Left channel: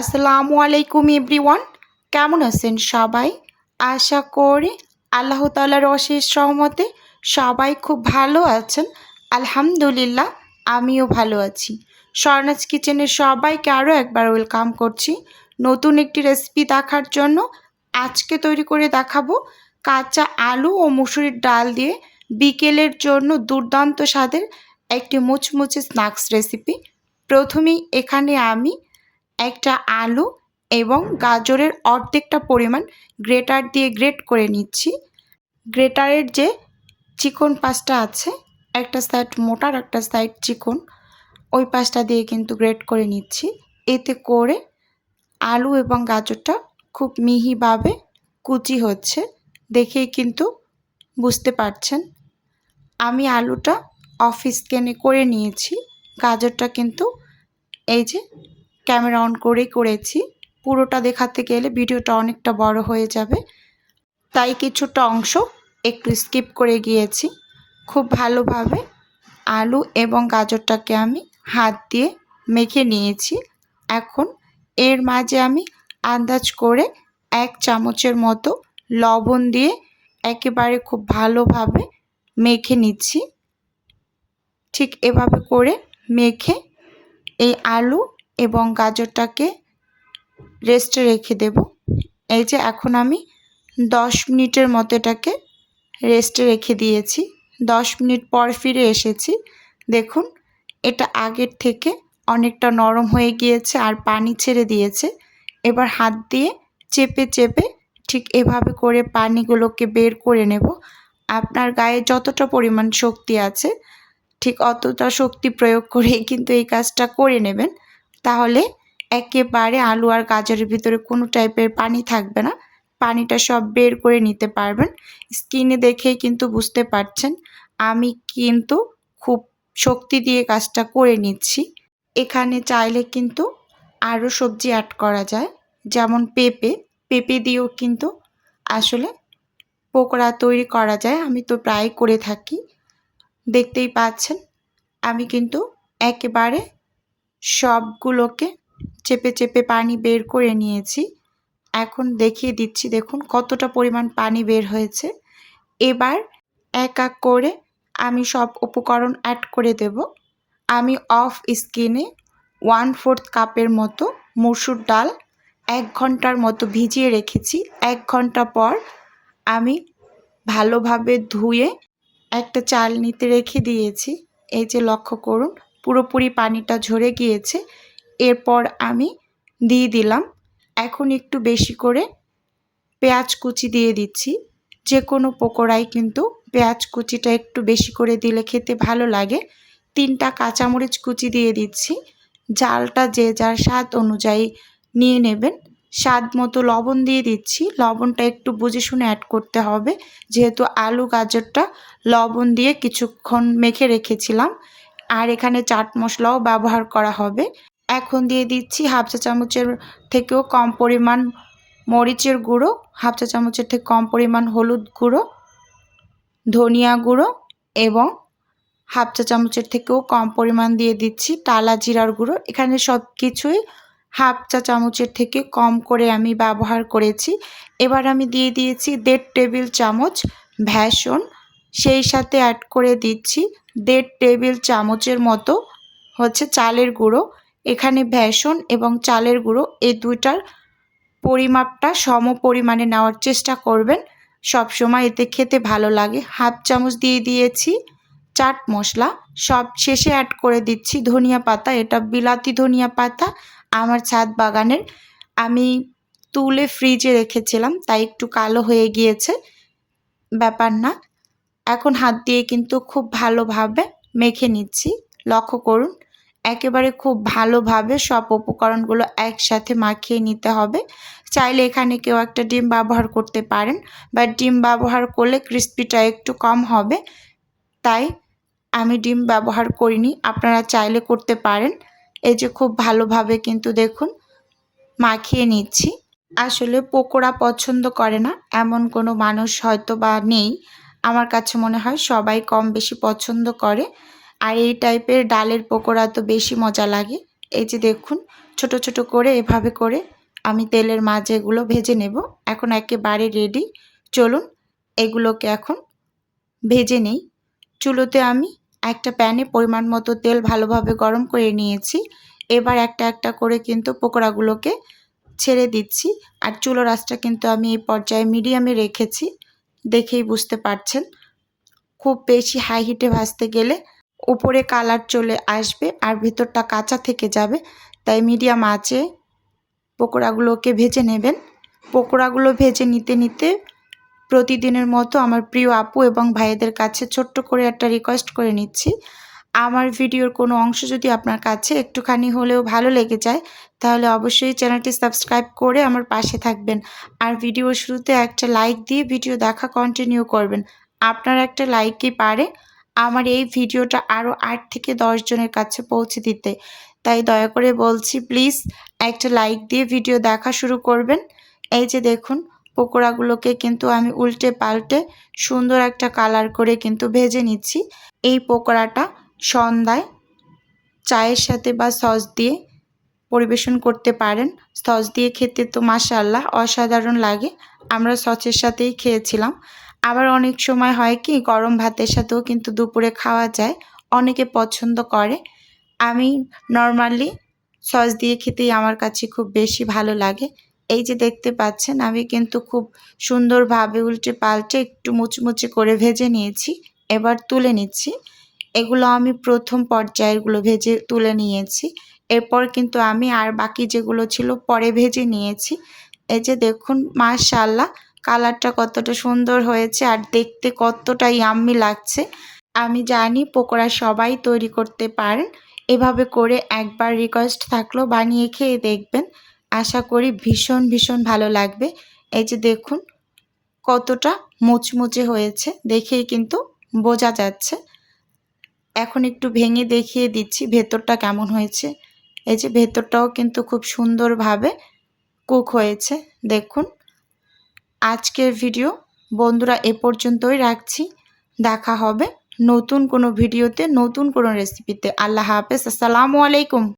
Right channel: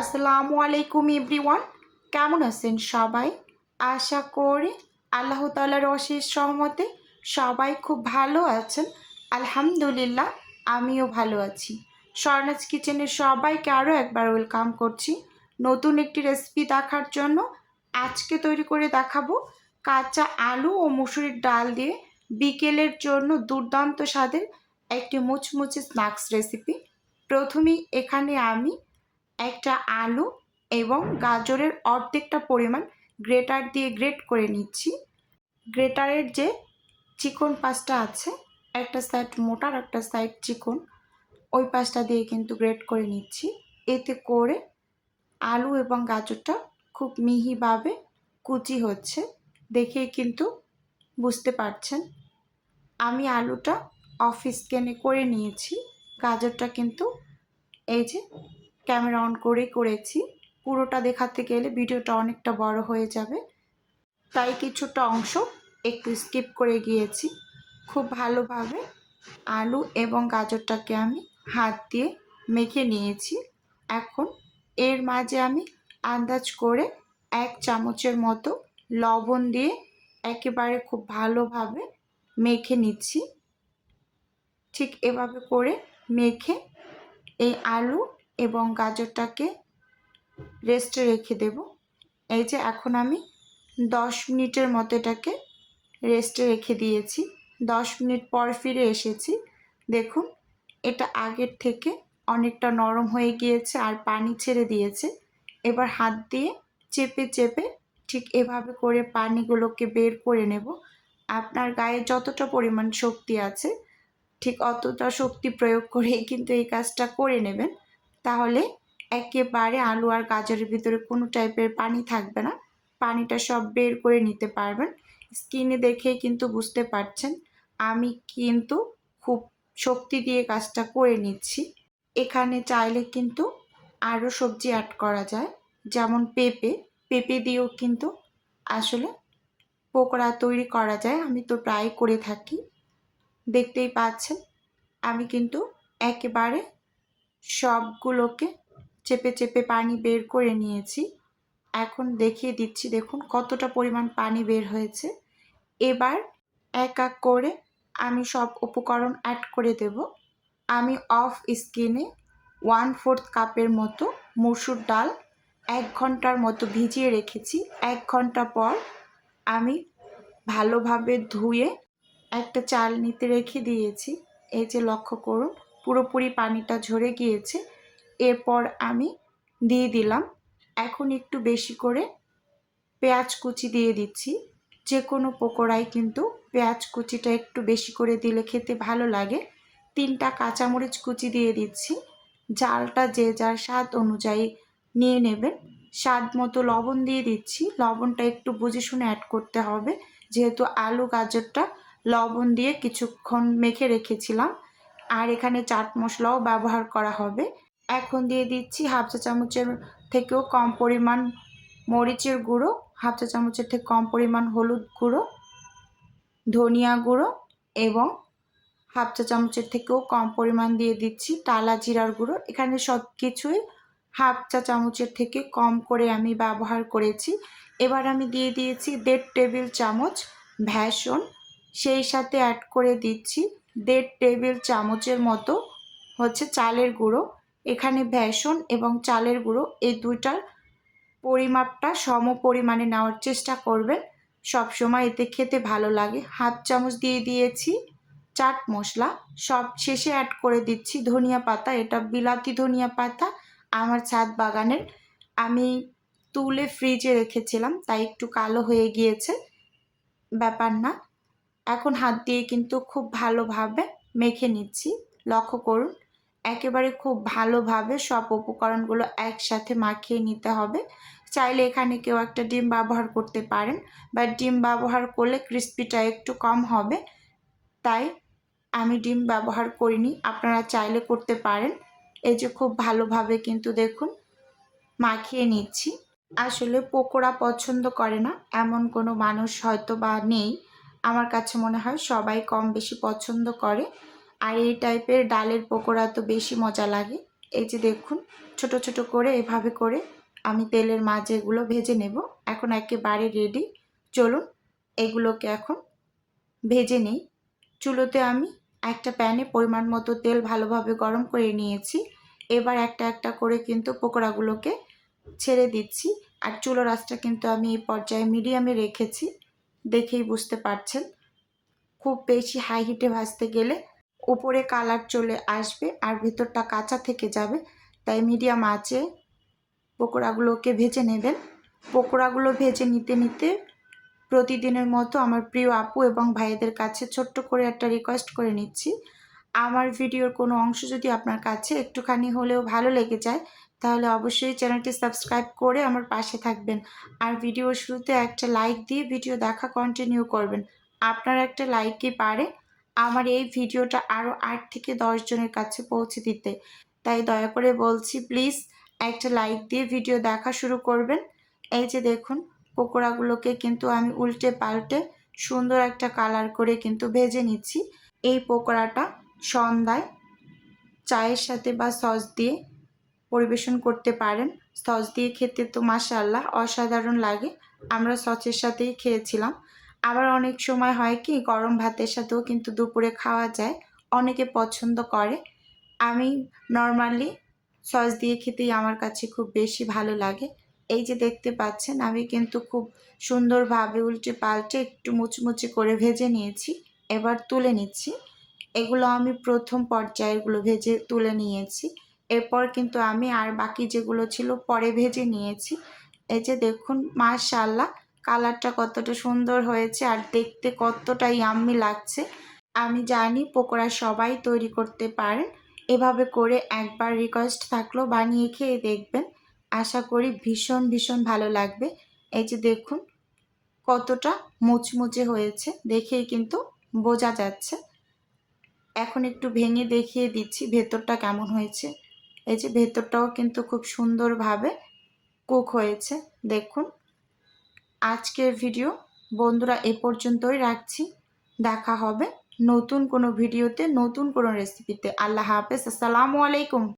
আসসালামু আলাইকুম এভরিওয়ান। কেমন আছেন সবাই? আশা করি আল্লাহ তালার অশেষ সহমতে সবাই খুব ভালো আছেন। আলহামদুলিল্লাহ, আমিও ভালো আছি। স্বর্ণাজ কিচেনের সবাইকে আরও একবার ওয়েলকাম করছি। নতুন একটি রেসিপি দেখার জন্য আজকে তৈরি করে দেখাবো কাঁচা আলু ও মুসুরির ডাল দিয়ে বিকেলের জন্য দুর্দান্ত স্বাদের একটি মুচমুচে স্ন্যাক্স রেসিপি। প্রথমেই এখানে আমি একটা আলু এবং গাজরের অর্ধেকটা পরিমাণ গ্রেটার দিয়ে গ্রেট করে নিচ্ছি। গ্রেটারের যে চিকন পাশটা আছে, একটা সাইড মোটার একটা সাইড চিকন, ওই পাশটা দিয়ে কিন্তু গ্রেট করে নিচ্ছি। এতে করে আলু এবং গাজরটা খুব মিহিভাবে কুচি হচ্ছে, দেখেই কিন্তু বুঝতে পারছেন। আমি আলুটা অফিস স্ক্যানে করে নিয়েছি, গাজরটা কিন্তু এই যে ক্যামেরা অন করেই করেছি। পুরোটা দেখাতে গেলে ভিডিওটা অনেকটা বড় হয়ে যাবে। তাই কিছুটা অংশ একটু স্কিপ করে গিয়েছি। খুব ভালোভাবে আলু এবং গাজরটাকে আমি হাত দিয়ে মেখে নিয়েছি। এখন এর মাঝে আমি আন্দাজ করে এক চামচের মতো লবণ দিয়ে একেবারে খুব ভালোভাবে মেখে নিচ্ছি। ঠিক এভাবে করে মেখে এই আলু এবং গাজরটাকে রেস্টে রেখে দেব। এই যে এখন আমি দশ মিনিটের মতো এটাকে রেস্টে রেখে দিয়েছি। দশ মিনিট পর ফিরে এসেছি। দেখুন, এটা আগের থেকে অনেকটা নরম হয়ে গিয়েছে আর পানি ছেড়ে দিয়েছে। এবার হাত দিয়ে চেপে চেপে ঠিক এভাবে করে পানিগুলোকে বের করে নেব। আপনার গায়ে যতটা পরিমাণ শক্তি আছে, ঠিক অতটা শক্তি প্রয়োগ করেই কিন্তু এই কাজটা করে নেবেন। তাহলে একেবারে আলু আর গাজরের ভিতরে কোনো টাইপের পানি থাকবে না। পানিটা সব বের করে নিতে পারবেন। স্কিনে দেখেই কিন্তু বুঝতে পারছেন। আমি কিন্তু খুব শক্তি দিয়ে কাজটা করে নিচ্ছি। এখানে চাইলে কিন্তু আরও সবজি অ্যাড করা যায়। যেমন পেঁপে। পেঁপে দিয়েও কিন্তু আসলে পকোড়া তৈরি করা যায়। আমি তো প্রায় করে থাকি। দেখতেই পাচ্ছেন। আমি কিন্তু একেবারে সবগুলোকে চেপে চেপে পানি বের করে নিয়েছি। এখন দেখিয়ে দিচ্ছি, দেখুন কতটা পরিমাণ পানি বের হয়েছে। এবার এক এক করে আমি সব উপকরণ অ্যাড করে দেব। আমি অফ স্কিনে ওয়ান ফোর্থ কাপের মতো মসুর ডাল এক ঘণ্টার মতো ভিজিয়ে রেখেছি। এক ঘণ্টা পর আমি ভালোভাবে ধুয়ে একটা চাল নিতে রেখে দিয়েছি। এই যে লক্ষ্য করুন পুরোপুরি পানিটা ঝরে গিয়েছে। এরপর আমি দিয়ে দিলাম। এখন একটু বেশি করে পেঁয়াজ কুচি দিয়ে দিচ্ছি। যে কোনো পকোড়ায় কিন্তু পেঁয়াজ কুচিটা একটু বেশি করে দিলে খেতে ভালো লাগে। তিনটা কাঁচামরিচ কুচি দিয়ে দিচ্ছি। জালটা যে যার স্বাদ অনুযায়ী নিয়ে নেবেন। স্বাদ মতো লবণ দিয়ে দিচ্ছি। লবণটা একটু বুঝে শুনে অ্যাড করতে হবে। যেহেতু আলু গাজরটা লবণ দিয়ে কিছুক্ষণ মেখে রেখেছিলাম। আর এখানে চাট মশলাও ব্যবহার করা হবে। এখন দিয়ে দিচ্ছি হাফ চা চামচের থেকেও কম পরিমাণ মরিচের গুঁড়ো, হাফ চা চামচের থেকে কম পরিমাণ হলুদ গুঁড়ো, ধনিয়া গুঁড়ো এবং হাফ চা চামচের থেকেও কম পরিমাণ দিয়ে দিচ্ছি টালা জিরার গুঁড়ো। এখানে সব কিছুই হাফ চা চামচের থেকে কম করে আমি ব্যবহার করেছি। এবার আমি দিয়ে দিয়েছি দেড় টেবিল চামচ ভ্যাসন, সেই সাথে অ্যাড করে দিচ্ছি দেড় টেবিল চামচের মতো হচ্ছে চালের গুঁড়ো, এখানে ভ্যাসন এবং চালের গুঁড়ো, এই দুইটার পরিমাপটা সম পরিমাণে নেওয়ার চেষ্টা করবেন। সব সময় এতে খেতে ভালো লাগে। হাফ চামচ দিয়ে দিয়েছি চাট মশলা। সব শেষে অ্যাড করে দিচ্ছি ধনিয়া পাতা। এটা বিলাতি ধনিয়া পাতা আমার ছাদ বাগানের। আমি তুলে ফ্রিজে রেখেছিলাম, তাই একটু কালো হয়ে গিয়েছে। ব্যাপার না। এখন হাত দিয়ে কিন্তু খুব ভালোভাবে মেখে নিচ্ছি। লক্ষ্য করুন, একেবারে খুব ভালোভাবে সব উপকরণগুলো একসাথে মাখিয়ে নিতে হবে। চাইলে এখানে কেউ একটা ডিম ব্যবহার করতে পারেন বা ডিম ব্যবহার করলে ক্রিস্পিটা একটু কম হবে। তাই আমি ডিম ব্যবহার করিনি, আপনারা চাইলে করতে পারেন। এই যে খুব ভালোভাবে কিন্তু দেখুন মাখিয়ে নিচ্ছি। আসলে পকোড়া পছন্দ করে না, এমন কোনো মানুষ হয়তো বা নেই। আমার কাছে মনে হয় সবাই কম বেশি পছন্দ করে। আর এই টাইপের ডালের পকোড়া তো বেশি মজা লাগে। এই যে দেখুন, ছোট ছোট করে এভাবে করে আমি তেলের মাঝে এগুলো ভেজে নেব। এখন একেবারে রেডি চলুন, এগুলোকে এখন ভেজে নিই। চুলোতে আমি একটা প্যানে পরিমাণ মতো তেল ভালোভাবে গরম করে নিয়েছি। এবার একটা একটা করে কিন্তু পকোড়াগুলোকে ছেড়ে দিচ্ছি। আর চুলো রাসটা কিন্তু আমি এই পর্যায়ে মিডিয়ামে রেখেছি। দেখেই বুঝতে পারছেন। খুব বেশি হাই হিটে ভাজতে গেলে উপরে কালার চলে আসবে আর ভেতরটা কাঁচা থেকে যাবে। তাই মিডিয়াম আঁচে পকোড়াগুলোকে ভেজে নেবেন। পকোড়াগুলো ভেজে নিতে নিতে প্রতিদিনের মতো আমার প্রিয় আপু এবং ভাইদের কাছে ছোট্ট করে একটা রিকোয়েস্ট করে নিচ্ছি। আমার ভিডিওর কোনো অংশ যদি আপনার কাছে একটুখানি হলেও ভালো লেগে যায়, তাহলে অবশ্যই চ্যানেলটি সাবস্ক্রাইব করে আমার পাশে থাকবেন। আর ভিডিওর শুরুতে একটা লাইক দিয়ে ভিডিও দেখা কন্টিনিউ করবেন। আপনার একটা লাইকই পারে আমার এই ভিডিওটা আরও আট থেকে জনের কাছে পৌঁছে দিতে। তাই দয়া করে বলছি প্লিজ একটা লাইক দিয়ে ভিডিও দেখা শুরু করবেন। এই যে দেখুন, পকোড়াগুলোকে কিন্তু আমি উল্টে পাল্টে সুন্দর একটা কালার করে কিন্তু ভেজে নিচ্ছি। এই পকোড়াটা সন্ধ্যায় চায়ের সাথে বা সস দিয়ে পরিবেশন করতে পারেন। সস দিয়ে খেতে তো মাশাল্লাহ অসাধারণ লাগে। আমরা সসের সাথেই খেয়েছিলাম। আবার অনেক সময় হয় কি, গরম ভাতের সাথেও কিন্তু দুপুরে খাওয়া যায়। অনেকে পছন্দ করে। আমি নর্মালি সস দিয়ে খেতেই আমার কাছে খুব বেশি ভালো লাগে। এই যে দেখতে পাচ্ছেন, আমি কিন্তু খুব সুন্দরভাবে উল্টে পাল্টে একটু মুচমুচে করে ভেজে নিয়েছি। এবার তুলে নিচ্ছি। এগুলো আমি প্রথম পর্যায়েরগুলো ভেজে তুলে নিয়েছি। এরপর কিন্তু আমি আর বাকি যেগুলো ছিল পরে ভেজে নিয়েছি। এই যে দেখুন মাশাল্লাহ কালারটা কতটা সুন্দর হয়েছে আর দেখতে কতটা ইয়াম্মি লাগছে। আমি জানি পকোড়া সবাই তৈরি করতে পারেন। এভাবে করে একবার রিকোয়েস্ট থাকল, বানিয়ে খেয়ে দেখবেন। আশা করি ভীষণ ভীষণ ভালো লাগবে। এই যে দেখুন, কতটা মুচমুচে হয়েছে, দেখেই কিন্তু বোঝা যাচ্ছে। এখন একটু ভেঙে দেখিয়ে দিচ্ছি ভেতরটা কেমন হয়েছে। এই যে ভেতরটাও কিন্তু খুব সুন্দরভাবে কুক হয়েছে। দেখুন, আজকের ভিডিও বন্ধুরা এ পর্যন্তই রাখছি। দেখা হবে নতুন কোনো ভিডিওতে, নতুন কোনো রেসিপিতে আল্লাহ হাফেজ, আসসালামু আলাইকুম।